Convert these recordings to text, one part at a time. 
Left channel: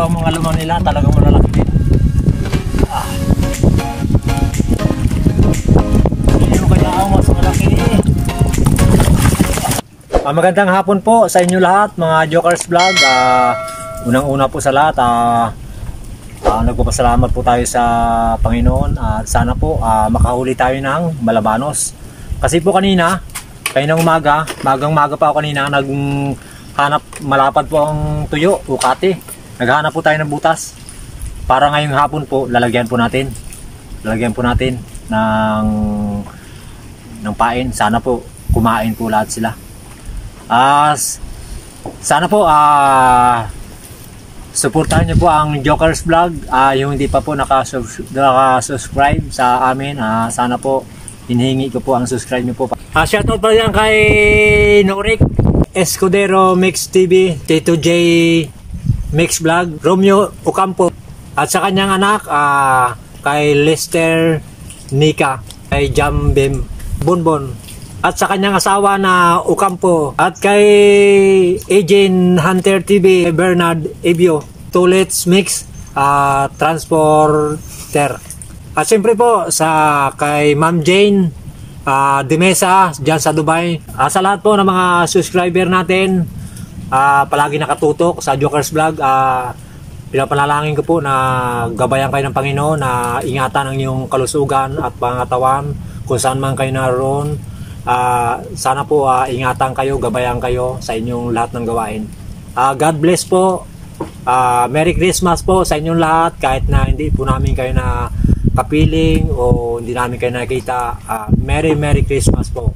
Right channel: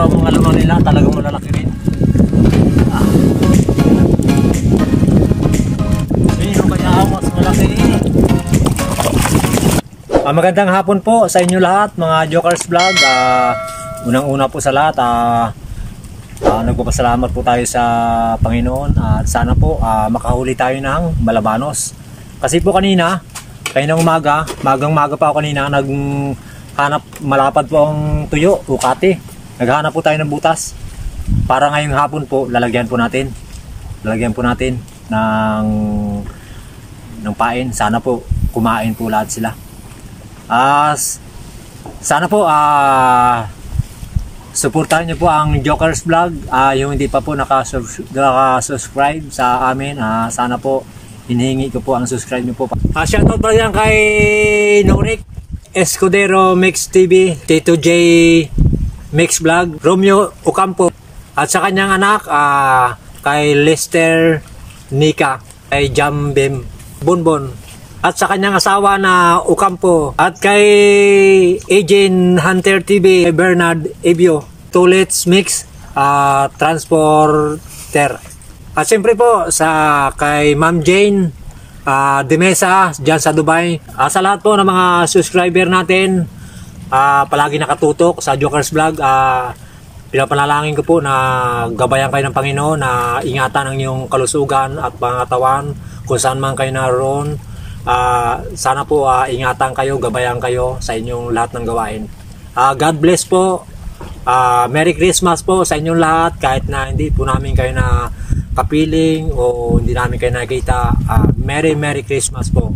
Pero ang mga lumang nila talagang malalaki rin. Yun kaya ako mas malaki eh. Magandang hapon po sa inyo lahat mga Jokers Vlog. Unang-una po sa lahat, nagpapasalamat po tayo sa Panginoon at sana po makahuli tayo ng malabanos. Kasi po kanina, kaninang umaga, magang-maga pa ako kanina, naghanap, malapad po ang tuyo, ukati. Naghanap po tayo ng butas. Para ngayong hapon po, lalagyan po natin ng pain. Sana po kumain po lahat sila. Sana po suportahan niyo po ang Jokers Vlog. Yung hindi pa po nakasubscribe sa amin, sana po hinihingi ko po ang subscribe niyo po. Shoutout pa yan kay Norik Escudero Mix TV, Tito J Mix Vlog, Romeo Ocampo at sa kanyang anak kay Lester Nika, kay Jambem Bonbon at sa kanyang asawa na Ocampo, at kay Agent Hunter TV, kay Bernard Ebio, Tulets Mix Transporter. At siyempre po kay Ma'am Jane Demesa dyan sa Dubai. Sa lahat po ng mga subscriber natin, palagi nakatutok sa Jokers Vlog, pinapanalangin ko po na gabayan kayo ng Panginoon, na ingatan ang iyong kalusugan at pangatawan kung saan man kayo naroon. Sana po ingatan kayo, gabayan kayo sa inyong lahat ng gawain. God bless po. Merry Christmas po sa inyong lahat, kahit na hindi po namin kayo na kapiling o hindi namin kayo nakita. Merry Christmas po.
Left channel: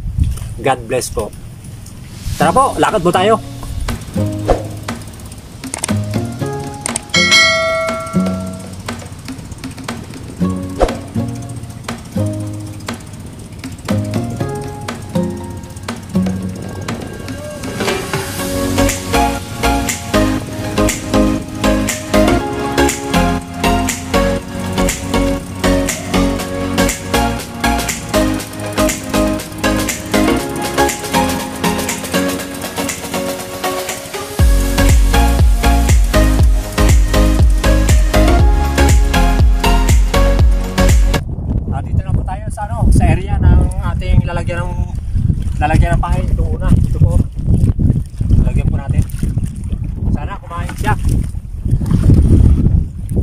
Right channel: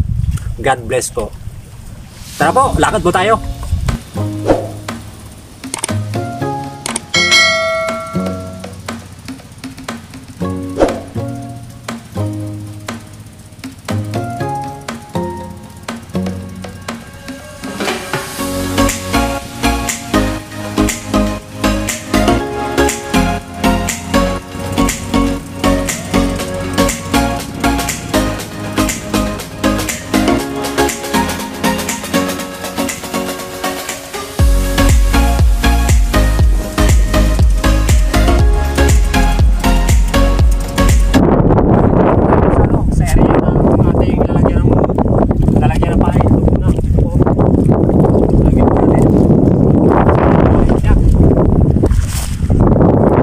God bless po. Tara po, lakad po tayo. Lalagyan ng pahay. Ito muna. Ito po. Lalagyan po natin. Sana kumain siya.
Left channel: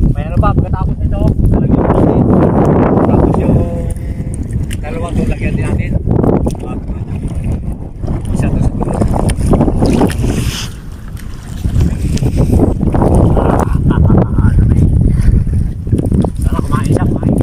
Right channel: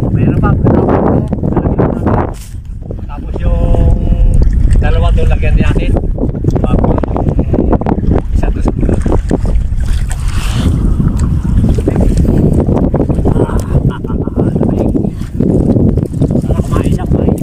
Mayroon pa. Pagkatapos ito, lalagyan po natin. Tapos yung dalawa ito, lagyan din natin. Bago isa ito siguro. Sana kumain siya. Kumain.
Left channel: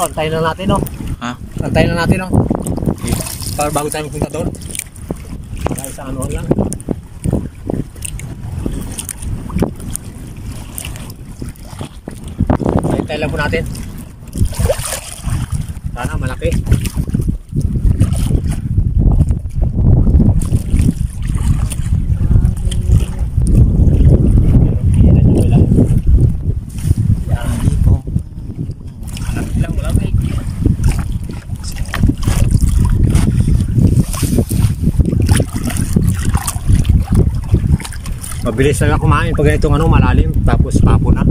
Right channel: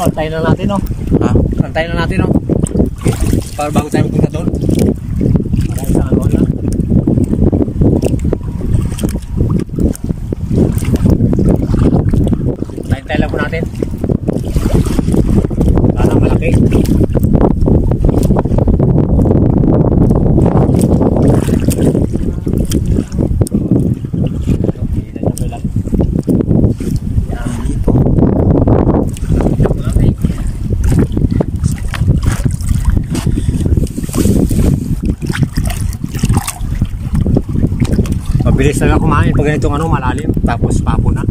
Antayin na natin, no? Antayin na natin, no? Okay. Para bago tayo magpunta doon. Para isang anuhan lang. Antayin lang po natin. Sana malaki. Mabilis talaga kumain pag ganitong malalim, tapos papo na.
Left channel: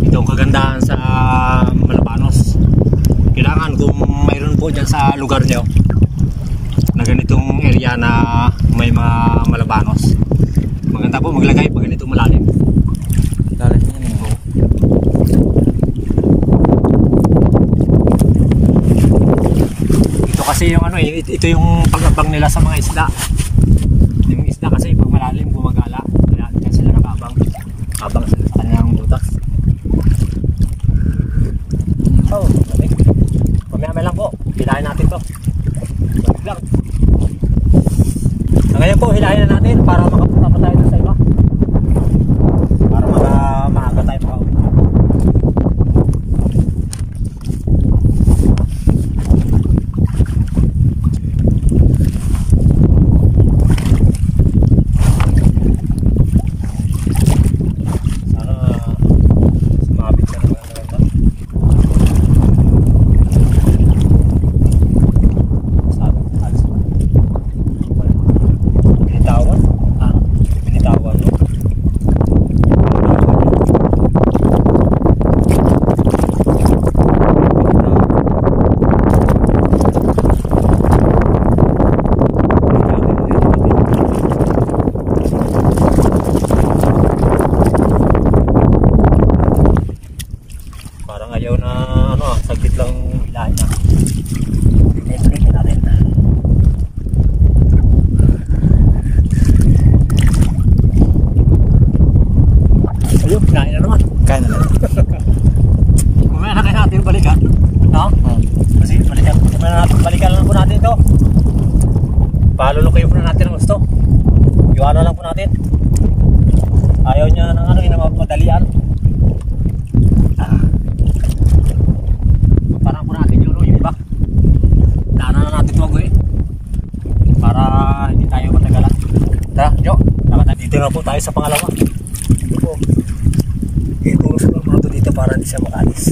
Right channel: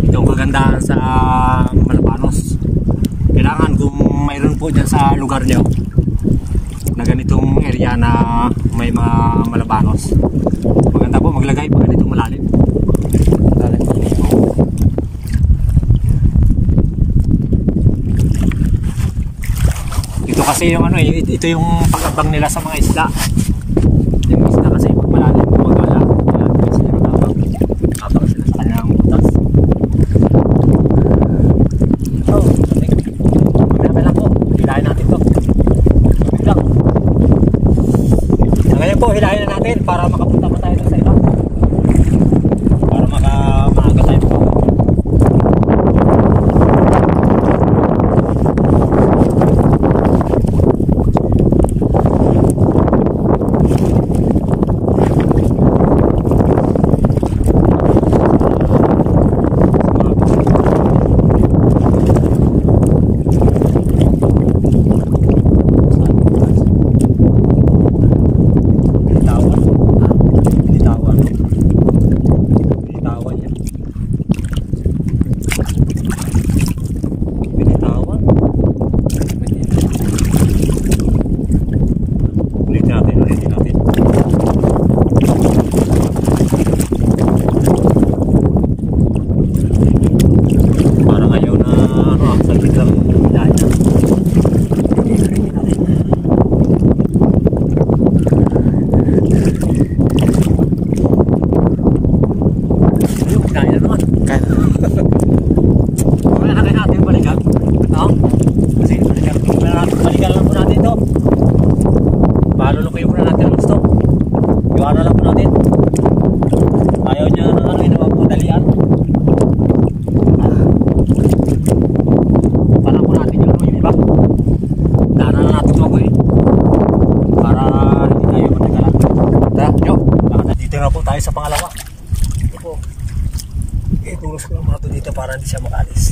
Ito ang kagandahan sa malabanos. Kailangan kung mayroon po dyan sa lugar nyo na ganitong area na may mga malabanos, maganda po maglagay pag ganitong malalim. Ito kasi yung ito yung pag-abang nila sa mga isda. Yung isda kasi pag malalim gumagala, kaya sila nababang sila sa kanilang butas. So, mamaya lang po, hilahin natin to. Lang. Ngayon po, hilahin na natin para makapunta pa tayo sa iba. Kinain na naman. Kain na. Mamaya na kayo natin yung balikan. No? Kasi balikan lang po natin ito. Palulukoy po na natin ang gusto. Iwanan lang po natin. Ayaw niya ng ano, yung madalian. Parang po natin yung iba. Daanan na natin ito ako para hindi tayo matagalan. Tara, yo. Dito na po tayo sa pangalawa. Ito po. Ipuros ko lang mga dito para hindi siya makalis.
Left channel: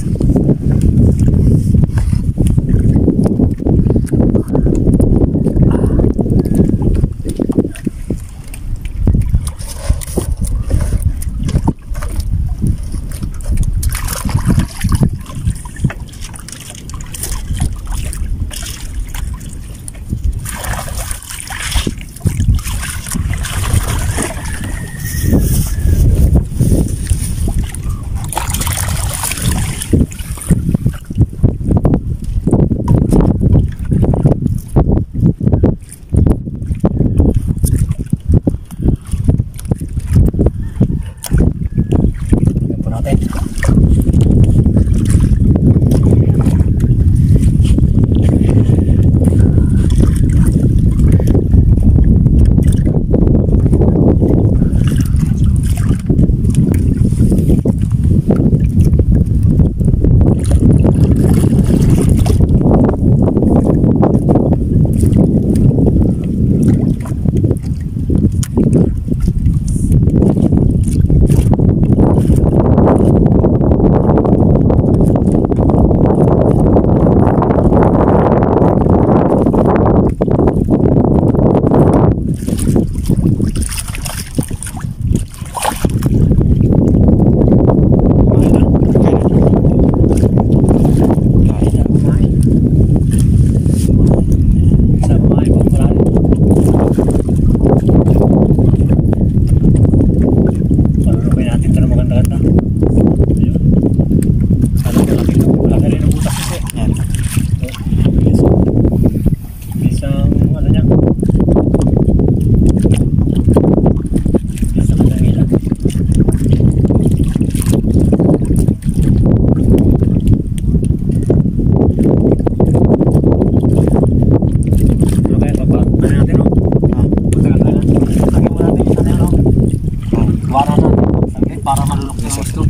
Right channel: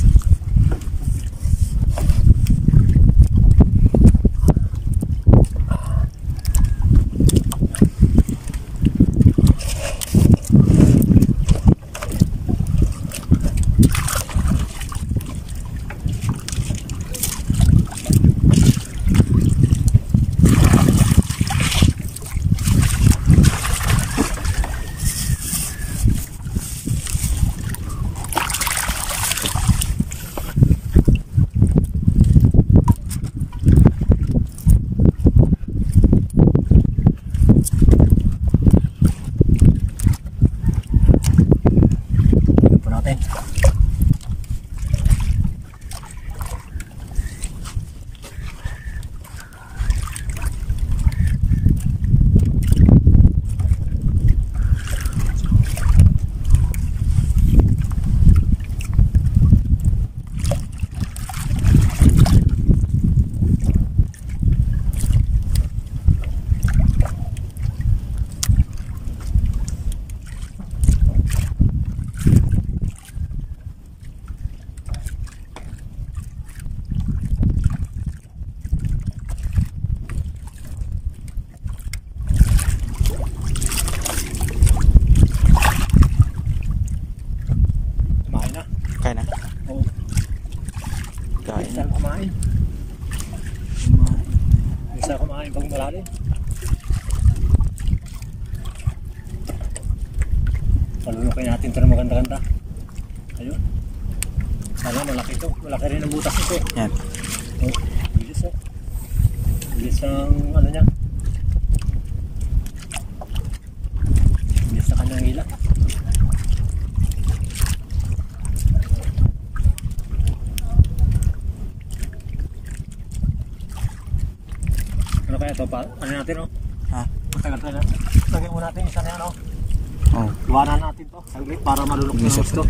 Para malulok na ito.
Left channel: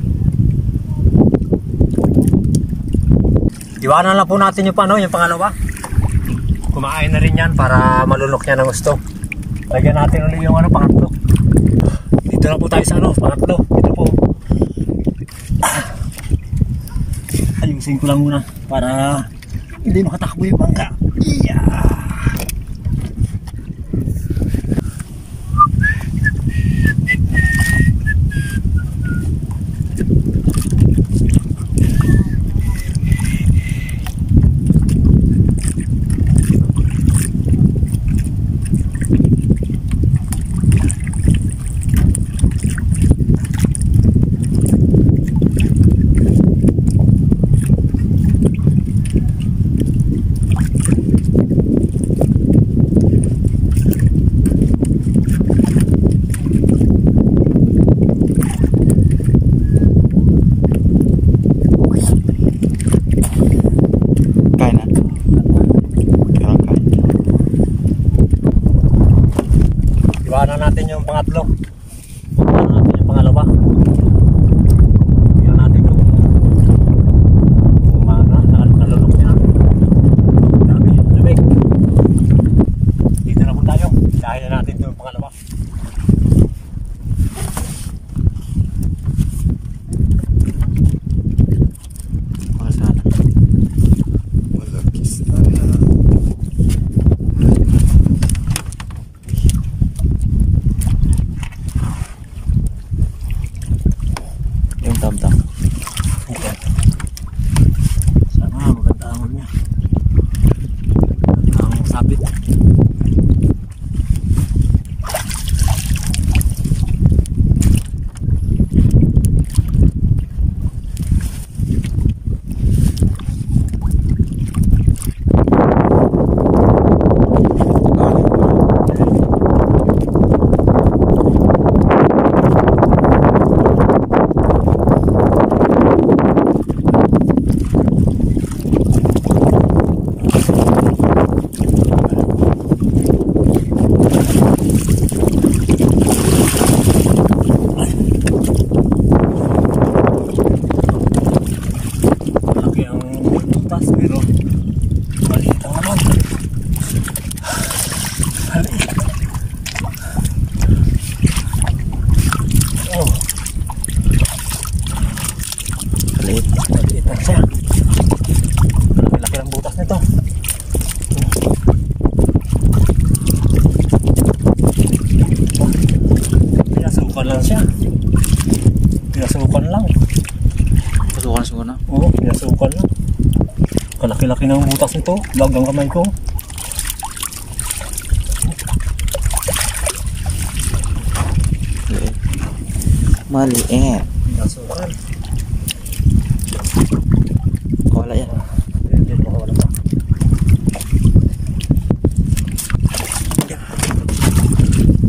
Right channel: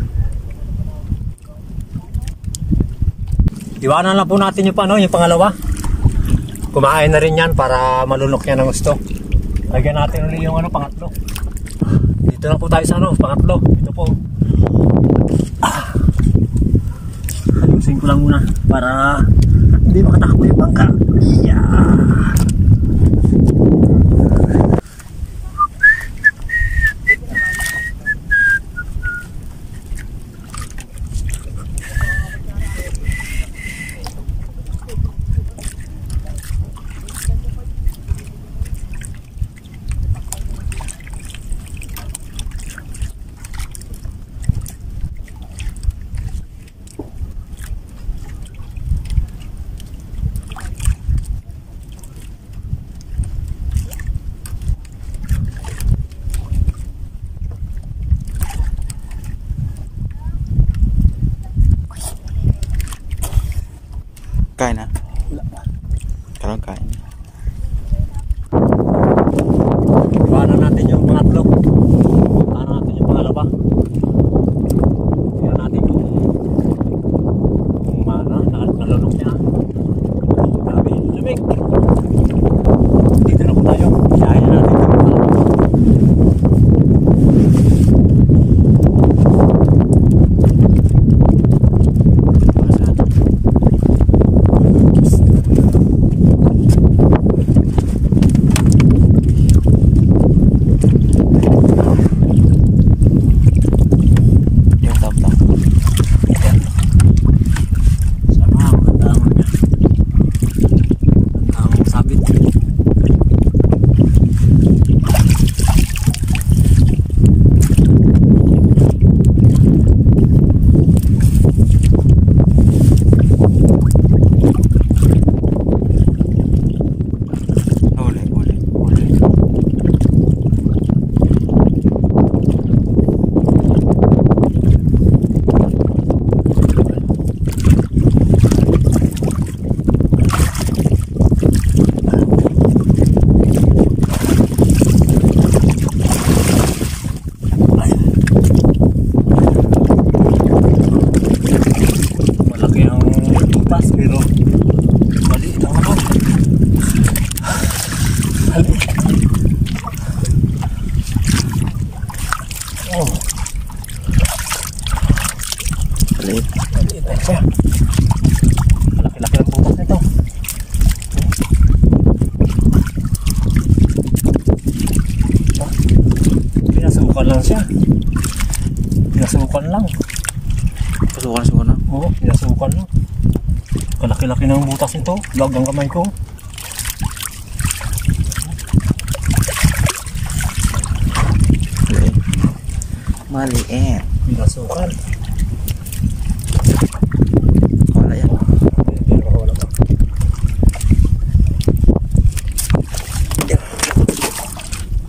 Iwanan lang po natin yung yung pangalawa. Kumain na rin yan para malunok niya ng gusto. Lagyan natin ulit yung pangatlo. Dito na po tayo sa pangatlo. Dito po. Ayusin ko lang muna para hindi makatakbo yung bangka. Yeah. Kain na. Pero kain. Iwanan natin yung pangatlo. Iwanan natin yung pangalawa. Iwanan natin yung nalunok niya. Grabe, lumik. Dito na po tayo. Siyahin na natin yung pangalawa. Maliit. Maliit na siya. Malaki-laki ang butas nito. Pinasukan lang siya. Pinasukan lang. Pasukan siguro na. Oo, pinasukan lang. Kalaki-laki ng butas nito. Lag ang kamay ko. Maliit. Maliit. Pinasukan. Wala yan. Diyan baka wala pa.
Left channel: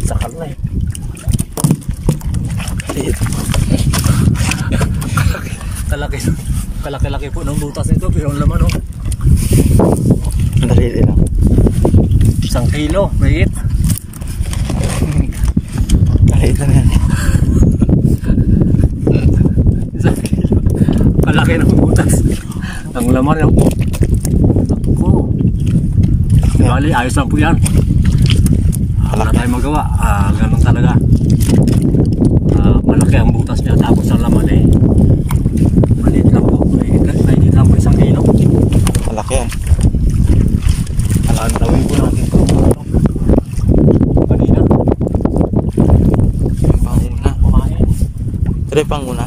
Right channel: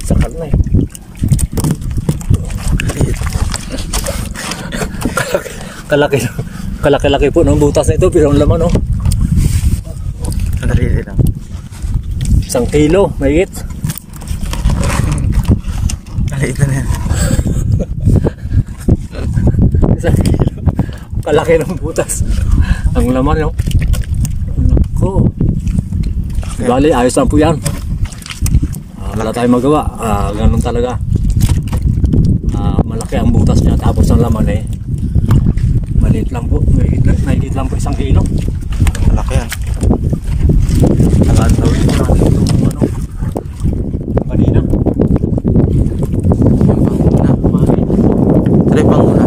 Sakal na eh. Kalaki-laki po ng butas nito pero ang laman oh. Maliit lang. 1 kilo, mahigit. Maliit na yan. 1 kilo. Kalaki ng butas. Ang laman oh. Naku. Bali, ayos lang po yan. Wala tayong magawa. Ganun talaga. Malaki ang butas niya tapos ang laman eh. Maliit lang po. Maliit lang po 1 kilo. Malaki yan. Alantawin po natin itong ano. Kanina. Yung panguna. Ito yung panguna.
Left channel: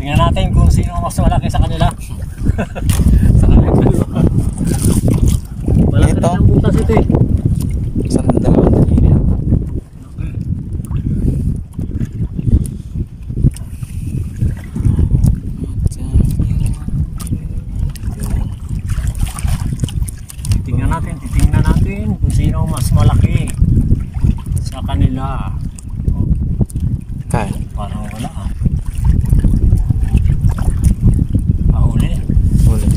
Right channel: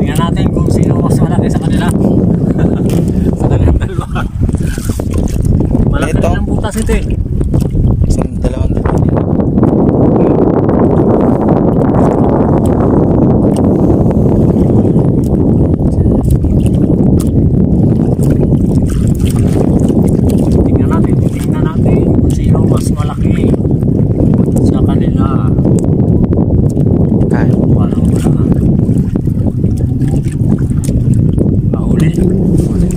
Tingnan natin kung sino mas malaki sa kanila. Sa kanilang dalawa. Malaki Ito. ang butas ito eh. Isang dalawang dalawin. Titingnan natin kung sino mas malaki sa kanila. Kaya. Parang wala. Mahuli. Huli.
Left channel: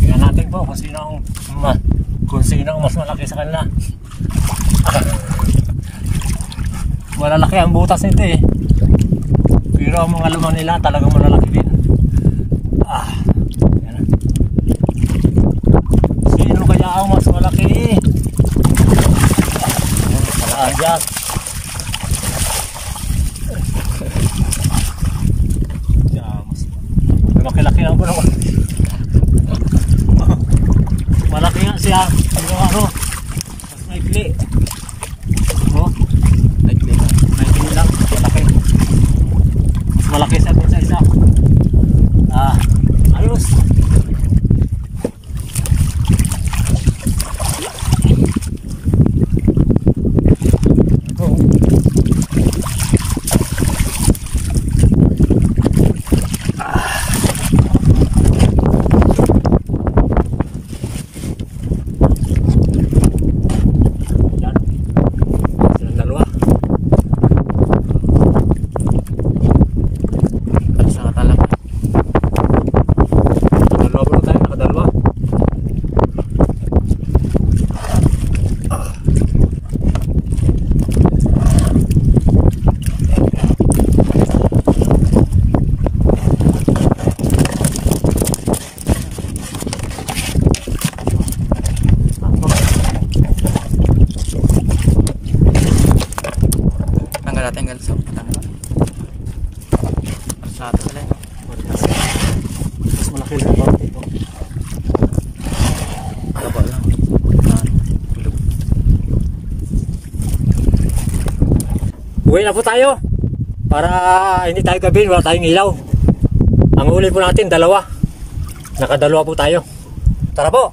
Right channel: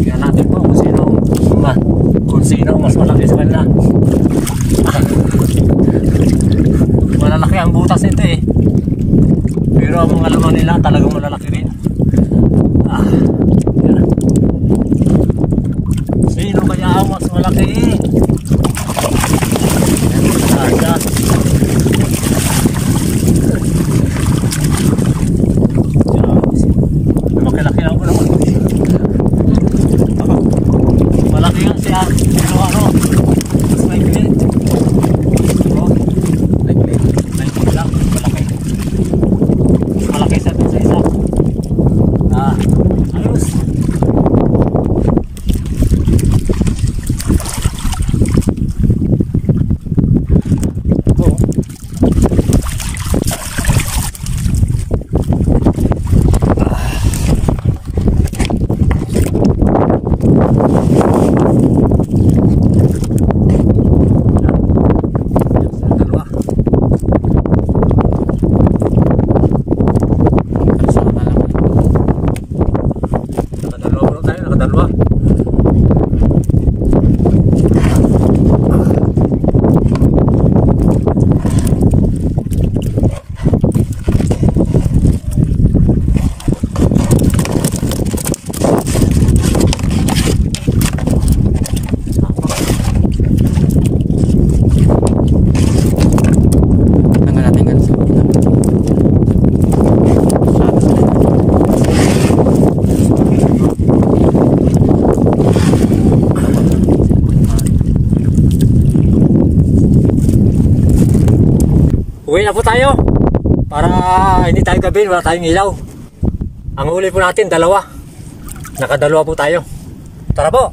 Tingnan natin po kung sino mas malaki sa kanila. Malalaki ang butas nito eh. Pero ang mga laman nila talagang malalaki rin. Yan. Sino kaya ang mas malaki? Ayan. Malaki-laki lang po naman. Malaki nga siya. Pero ano? Mas may pili. Oh. May pili lang. Malaki. Mas malaki siya din sa isa. Ayos. Oh. Uwi na po tayo para hindi tayo gabi, wala tayong ilaw. Ang huli po natin, 2. Nakadalawa po tayo. Tara po!